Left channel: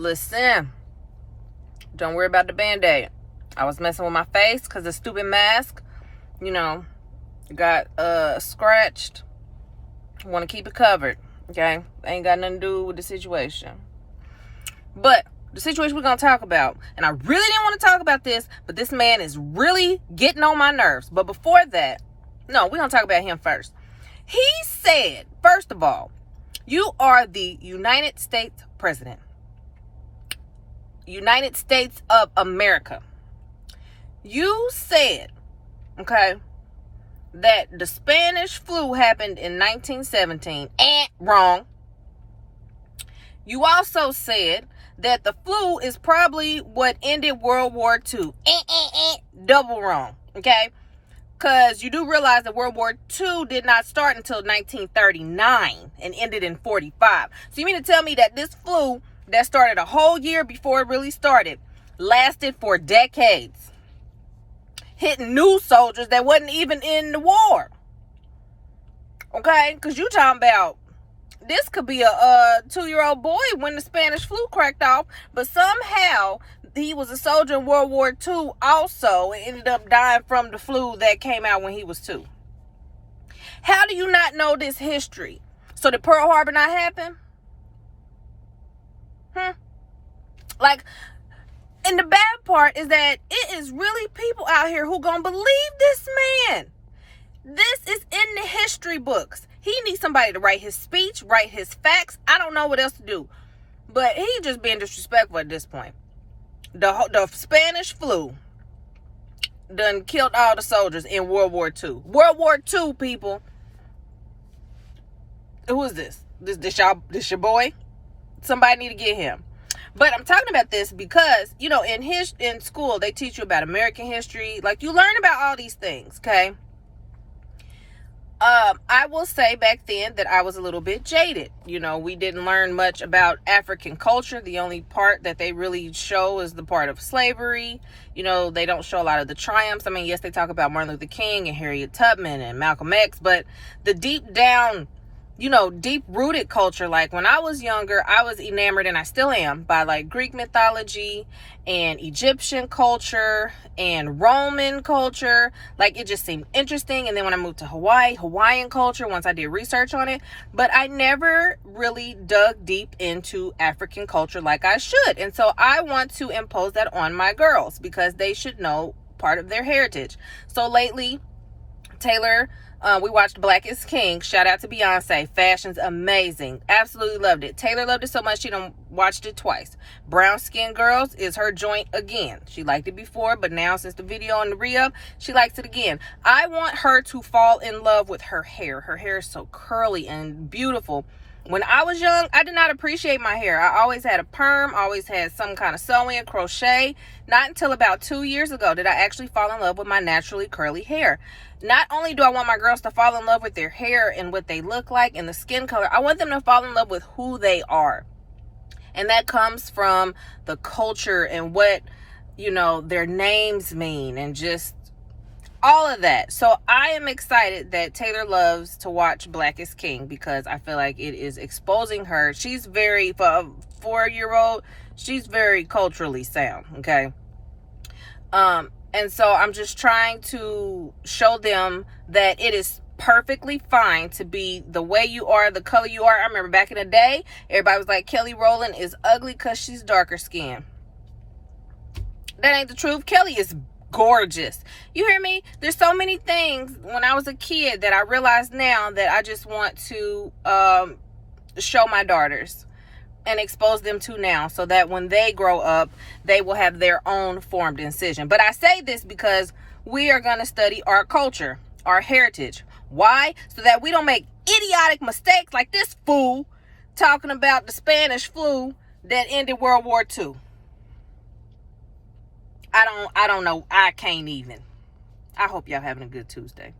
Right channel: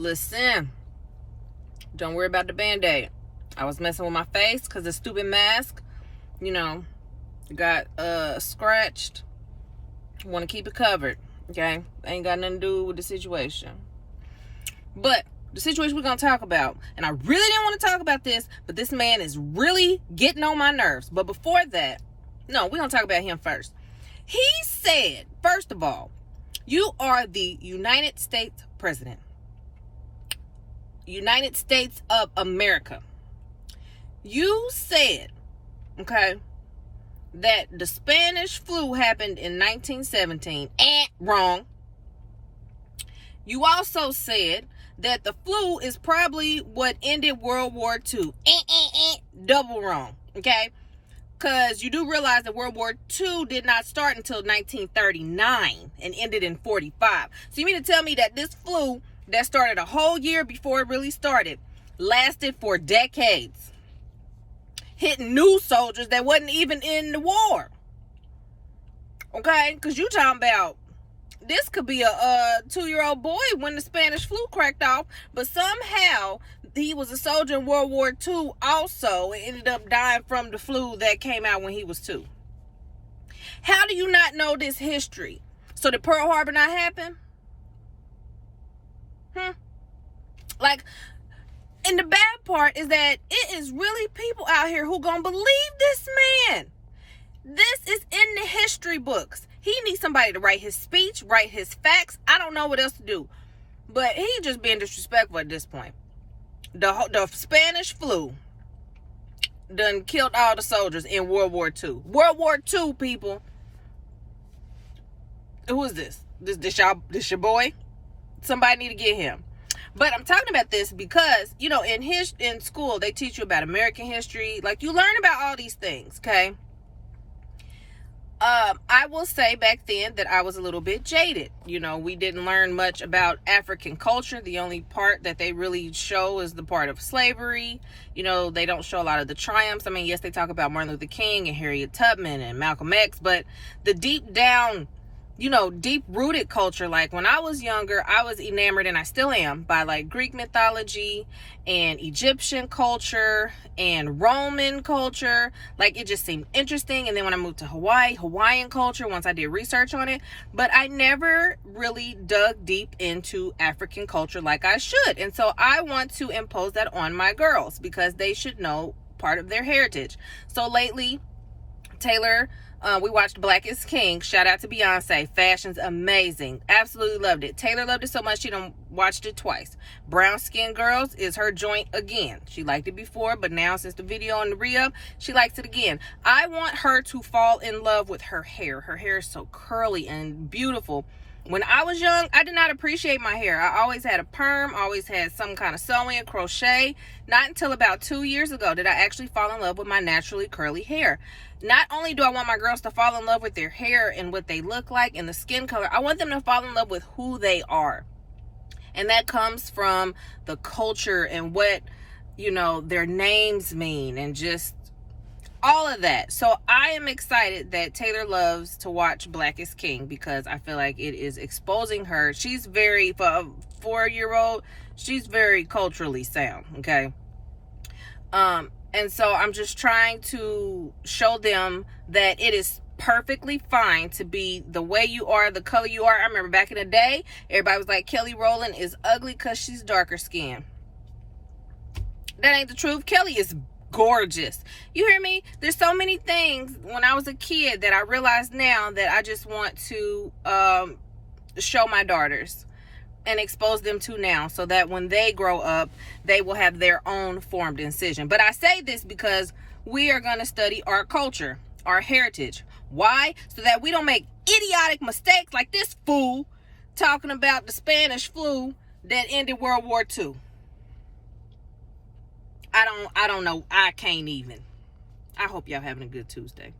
Lis-sen, don't worry about the band-aid. I was messing with my face because the stupid mask, got scratched. Want to keep it covered, okay? Ain't got nothing to do with the situation. But the situation we're going to talk about, and I really didn't want to talk about this, but this man is really getting on my nerves. But before that, no, we're going to talk about him first. He said, first of all, you are the United States president. United States of America. You said, okay, that the Spanish flu happened in 1917. Wrong. You also said that the flu is probably what ended World War II. Double wrong, okay? Because you do realize that World War II did not start until 1939 and ended in 45. So you mean to tell me that this flu that started a whole year before it really started lasted for decades, hitting new soldiers that wasn't even in the war? Okay? Because you talking about this could be a 2-year-old boy when the Spanish flu cracked off, but somehow he was a soldier in World War II also and ended up dying from the flu that came out when he was 2. How do you not know this history? So did Pearl Harbor not happen? And the bad part is that it is really people out here who gonna believe this man. This is in the history books. He needs somebody to write his speech, write his facts. I don't know what else to do. But he just being disrespectful at this point. The Spanish flu done killed all the soldiers in World War II. World War II, people. Who is this? This your boy? Somebody need to get him. But I'm talking about this because, in school, they teach you about American history. Like, you learn about all these things, okay? I will say back then that I was a little bit jaded. We didn't learn much about African culture. The only part that they really show is the part of slavery. They don't show a lot of the triumphs. I mean, yes, they talk about Martin Luther King and Harriet Tubman and Malcolm X, but the deep down, deep-rooted culture, like when I was younger, I was enamored, and I still am, by like Greek mythology and Egyptian culture and Roman culture. Like, it just seemed interesting. And then when I moved to Hawaiian culture, once I did research on it, but I never really dug deep into African culture like I should. And so I want to impose that on my girls because they should know part of their heritage. So lately, Taylor, we watched Black is King. Shout out to Beyonce. Fashion's amazing. Absolutely loved it. Taylor loved it so much she done watched it twice. Brown Skin Girls is her joint again. She liked it before, but now since the video on the re-up, she likes it again. I want her to fall in love with her hair. Her hair is so curly and beautiful. When I was young, I did not appreciate my hair. I always had a perm, always had some kind of sewing, crochet. Not until about 2 years ago did I actually fall in love with my naturally curly hair. Not only do I want my girls to fall in love with their hair and what they look like and the skin color, I want them to fall in love with who they are. And that comes from the culture and what, their names mean and just all of that. So I am excited that Taylor loves to watch Black is King because I feel like it is exposing her. She's for a 4-year-old, she's very culturally sound, okay? And so I'm just trying to show them that it is perfectly fine to be the way you are, the color you are. I remember back in the day, everybody was like, Kelly Rowland is ugly because she's darker skinned. That ain't the truth. Kelly is gorgeous. You hear me? There's so many things when I was a kid that I realize now that I just want to show my daughters and expose them to now so that when they grow up, they will have their own formed decision. But I say this because we are going to study our culture, our heritage. Why? So that we don't make idiotic mistakes like this fool talking about the Spanish flu that ended World War II. I don't know. I can't even. I hope y'all having a good Tuesday.